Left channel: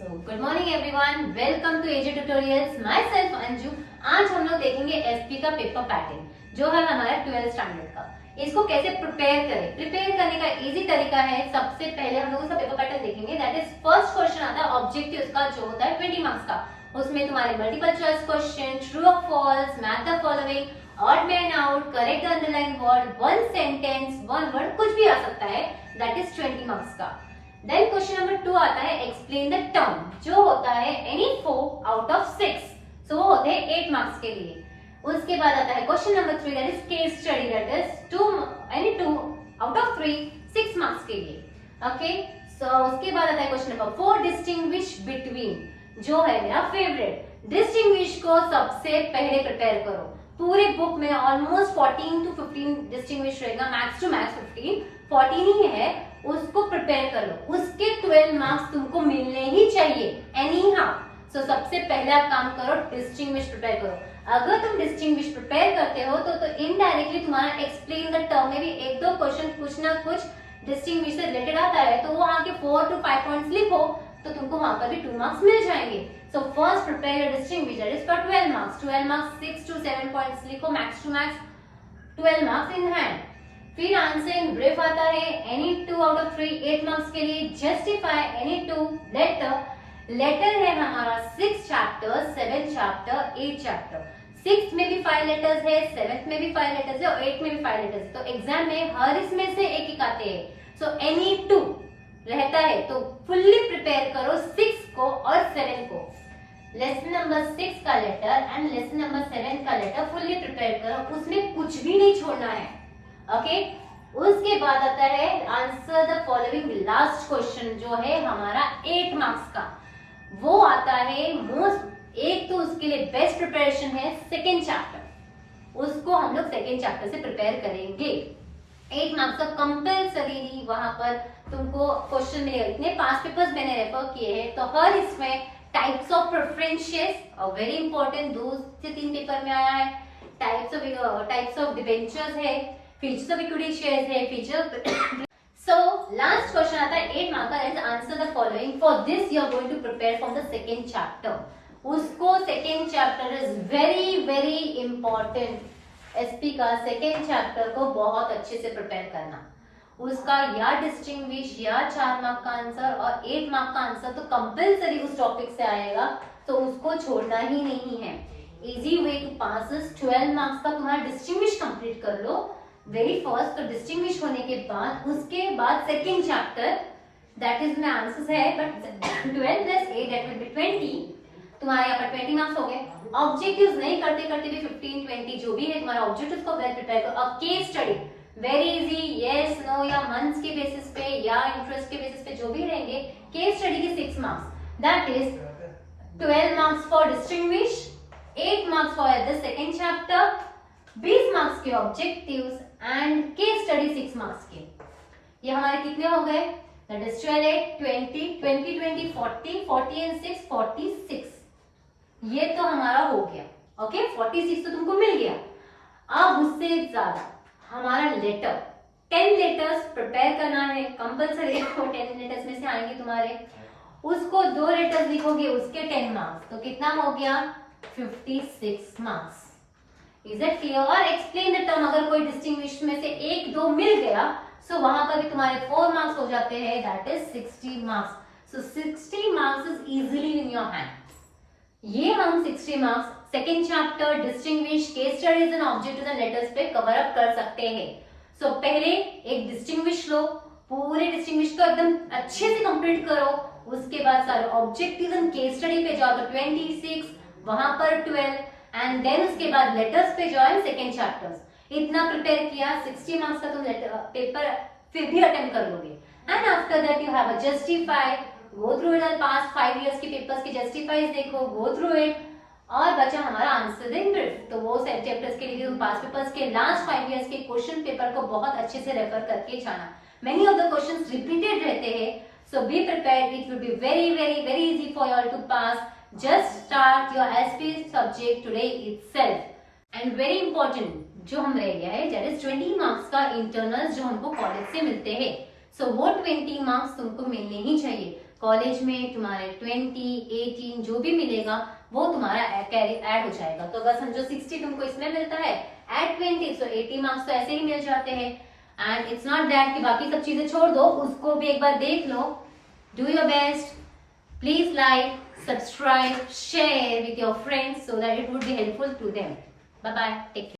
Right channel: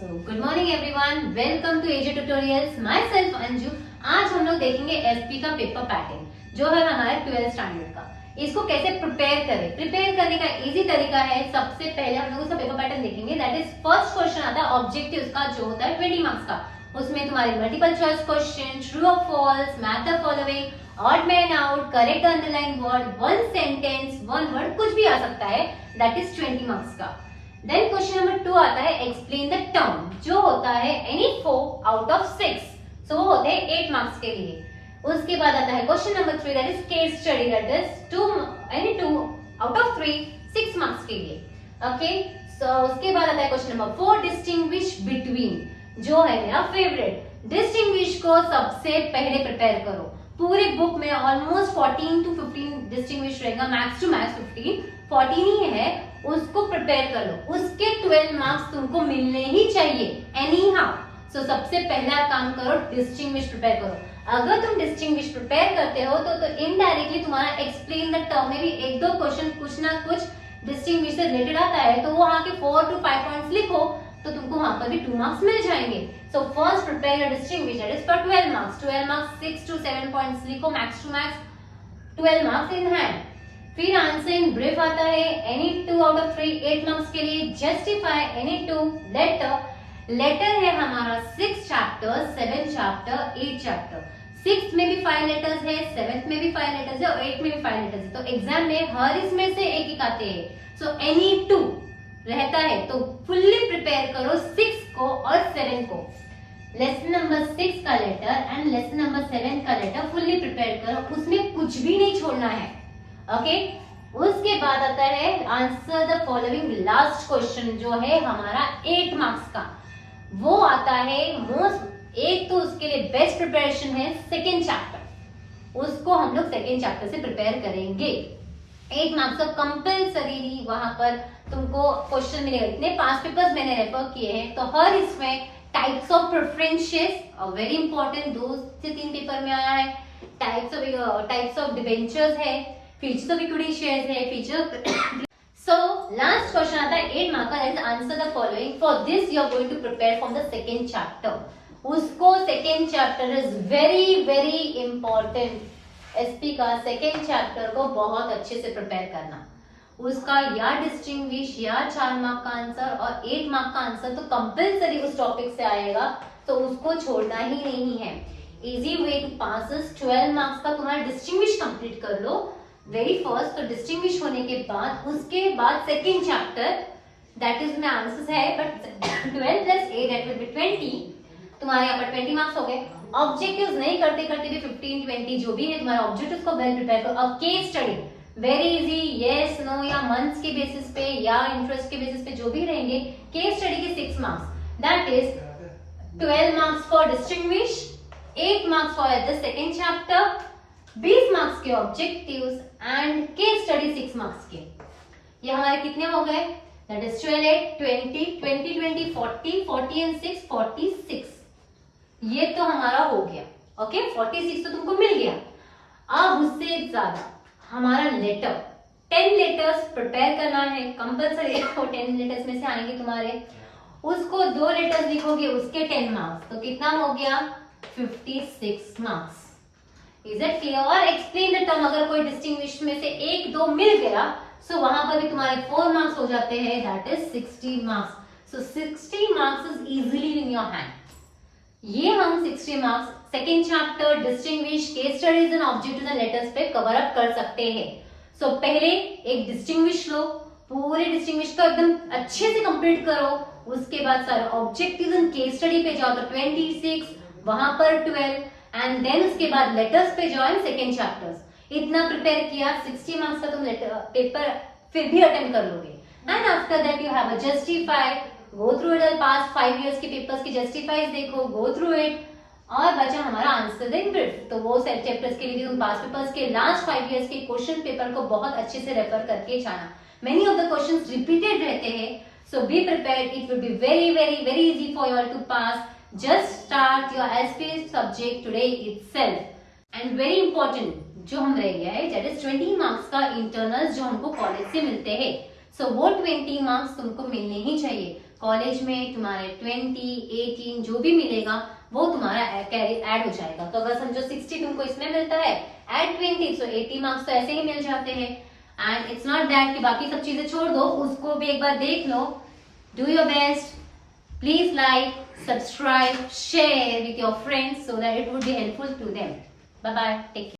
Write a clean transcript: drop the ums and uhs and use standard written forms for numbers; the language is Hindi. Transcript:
Good morning everyone, welcome to AJ tutorials. Myself Anju. आज हम लोग देखेंगे एसपी का पेपर पैटर्न जो है हमारे 12th स्टैंडर्ड का। इसको कैसे प्रिपेयर करें। प्रिपेयर करने का इजी तरीका है, सबसे पहले हम लोग उसका पेपर पैटर्न देखेंगे। दैट इज फर्स्ट क्वेश्चन आता है ऑब्जेक्टिव का, जो होता है 20 मार्क्स का। उसमें तुम्हारे मल्टीपल चॉइस क्वेश्चन, ट्रू और false, match the following, odd man out, correct underline word, one sentence, one word, कुछ भी आ सकता है। दैट इज 20 मार्क्स का। देन क्वेश्चन नंबर 2 आता है एक्सप्लेन द टर्म, जो होता है एनी 4 आउट ऑफ 6। सो वो होते हैं 8 मार्क्स के लिए। उसके बाद आता है question number 3, that is case study, that is 2 out of 3, 6 marks के लिए। ओके, सो उसके बाद आता है क्वेश्चन नंबर 4, डिस्टिंग्विश बिटवीन, जो है मेरा फेवरेट। डिस्टिंग्विश को सबसे पहले प्रिपेयर करो। पूरे बुक में ऑलमोस्ट 14 to 15 डिस्टिंग्विश रहेगा, मैक्स टू मैक्स 14 ही है। उसको प्रिपेयर कर लो, उसके 12 मार्क्स तुमको मिलने ही चाहिए एनी हाउ। सो सबसे पहला काम करो, डिस्टिंग्विश प्रिपेयर करो। अगर तुम डिस्टिंग्विश प्रिपेयर करते हो तो इनडायरेक्टली तुम्हारा एक्सप्लेन द टर्म में भी 1-2 क्वेश्चन कुछ ना कुछ डिस्टिंग्विश से रिलेटेड आता है, तो वो वहां के 4 to 5 पॉइंट्स लिखो तो तुमको वहां पर भी 2 मार्क्स मिल जाएंगे। So first prepare your distinguish, that is for 12 marks. 12 marks 6 to 7 points लिखो, max to max 12 marks in hand. फिर आंसरिंग ब्रीफ आता है एनी 2 आउट ऑफ 3, 8 मार्क्स के लिए। Justify any 2 letter. लेटर है हमारा 6 चैप्टर, 7 चैप्टर, 8 चैप्टर। 6 में भी 5 लेटर्स है, 7th में भी 5 लेटर्स है और 8 में भी 5 लेटर्स है। तो एग्जाम में हर इसमें से एक एक आते हैं। सो एनी 2 रहता है तो फुल्ली प्रिपेयर करो 6 को और 7 को। लेसन नंबर 6 का लेटर एंड लेसन नंबर 7 का लेटर फुल्ली प्रिपेयर करो, उसमें कुछ भी नहीं छोड़ना है। ओके, उसके बाद आता है answer the following, last question जो है हमारा 8 मार्क्स का। वो आता है मोस्ट, एक तो उसके लिए बेस्ट प्रिपरेशन है सेकेंड चैप्टर, उसको हम लोग सेकेंड चैप्टर से प्रिपेयर करेंगे। 8 मार्क्स का कंपल्सरी वहां पर तुमको क्वेश्चन मिलेगा। इतने 5 पेपर्स मैंने रेफर किए हैं, तो हर इसमें टाइप्स ऑफ प्रेफरेंसेस और वेरी इंपॉर्टेंट 2 से 3 पेपर में आया है। टाइप्स ऑफ डिबेंचर्स है, फीचर्स ऑफ इक्विटी शेयर्स है, फीचर। सो लास्ट क्वेश्चन आता है 8 मार्क का, that is answer the following. For this you are going to prepare from the second chapter. उसको second chapter is very very important. SP का सेकंड चैप्टर को बहुत अच्छे से प्रिपेयर करना। उसका या डिस्टिंग्विश या 4 मार्क का आंसर और 8 मार्क का आंसर तो कंपल्सरी उस टॉपिक से आएगा, तो उसको छोड़ना ही नहीं है। Easy way to pass is 12 marks का तुम्हारा डिस्टिंग्विश कंप्लीट कर लो वेरी फर्स्ट। तो डिस्टिंग्विश होने के बाद उसके बाद second chapter, that is my answers है, बट 12 + 8 दैट विल बी 20। तुम्हारे यहाँ पर 20 मार्क्स हो गए। ऑब्जेक्टिव्स नहीं करते करते भी 15-20 जो भी है तुम्हारा ऑब्जेक्टिव्स को वेल प्रिपेयर करो। अब case study very easy, yes no या मंथ्स के बेसिस पे या इंटरेस्ट के बेसिस पे जो भी रहेंगे। केस स्टडी के 6 marks, that is 12 marks for distinguish, 8 marks for the second chapter, 20 marks के objectives and case study 6 marks के। ये हमारे कितने हो गए, दैट इज 12, 20, 20, 20, 40, 40 एंड 6, 46। ये तो हमारा हो गया। ओके, 46 तो तुमको मिल गया। अब उससे ज्यादा हमारा लेटर, 10 लेटर्स प्रिपेयर करना है कंपल्सरी। 10 लेटर्स में से आएंगे तुम्हारे, उसको 2 लेटर्स लिखोगे, उसके 10 मार्क्स, तो कितना हो गया 56 मार्क्स। Is it clear? और एक्सप्लेन द टर्म, अगर कोई डिस्टिंग्विश में से 1-2 मिल गया, सो वहां पर भी तुम्हारे 4 मार्क्स हो जाते हैं, that is 60 marks. So 60 marks is easily in your hand. ये हम 60 marks second chapter, distinguish, case studies and objectives and letters पे कवर अप कर सकते हैं। सो पहले एक डिस्टिंग्विश लो, पूरे डिस्टिंग्विश को एकदम अच्छे से कंप्लीट करो। उसके बाद सारे ऑब्जेक्टिव्स एंड केस स्टडी पे जाओ, तो 26, वहां पर 12 एंड देन उसके बाद लेटर्स पे ज्वाइन सेकेंड चैप्टर्स। इतना प्रिपेयर किया, 60 मार्क्स का तुम पेपर फिर भी अटेम्प्ट कर लोगे। And after that you have a justify, go through it, past 5 years के पेपर्स की जस्टिफाइज देखो, गो थ्रू इट। और बचा हमारा आंसर इन ब्रीफ, तो वो सेट चैप्टर्स के लिए तुम पास्ट पेपर्स के लास्ट 5 इयर्स के क्वेश्चन पेपर को बहुत अच्छे से रेफर करके जाना। Many of the questions repeated रहते हैं, so be prepared, it will be very very very easy for you all to pass. Just start your SP subject today itself. And very important जो हम रह गया है, that is 20 मार्क्स का इंटरनल्स जो हमको कॉलेज से मिलते हैं। सो वो 20 मार्क्स तुमको मिलने ही चाहिए। कॉलेज में तुम्हारे 20, 18 जो भी मिलेगा वो तुम्हारा ऐड हो जाएगा। तो अगर समझो 60 तुमको इसमें मिलता है एट 20, तो 80 मार्क्स तो ऐसे ही मिल जाते हैं। एंड इट्स नॉट दैट कि बाकी सब चीजें छोड़ दो, उसको भी एक बार देख लो। Do your best, please like, subscribe, share with your friends so that it would be helpful to them. Bye bye, take care.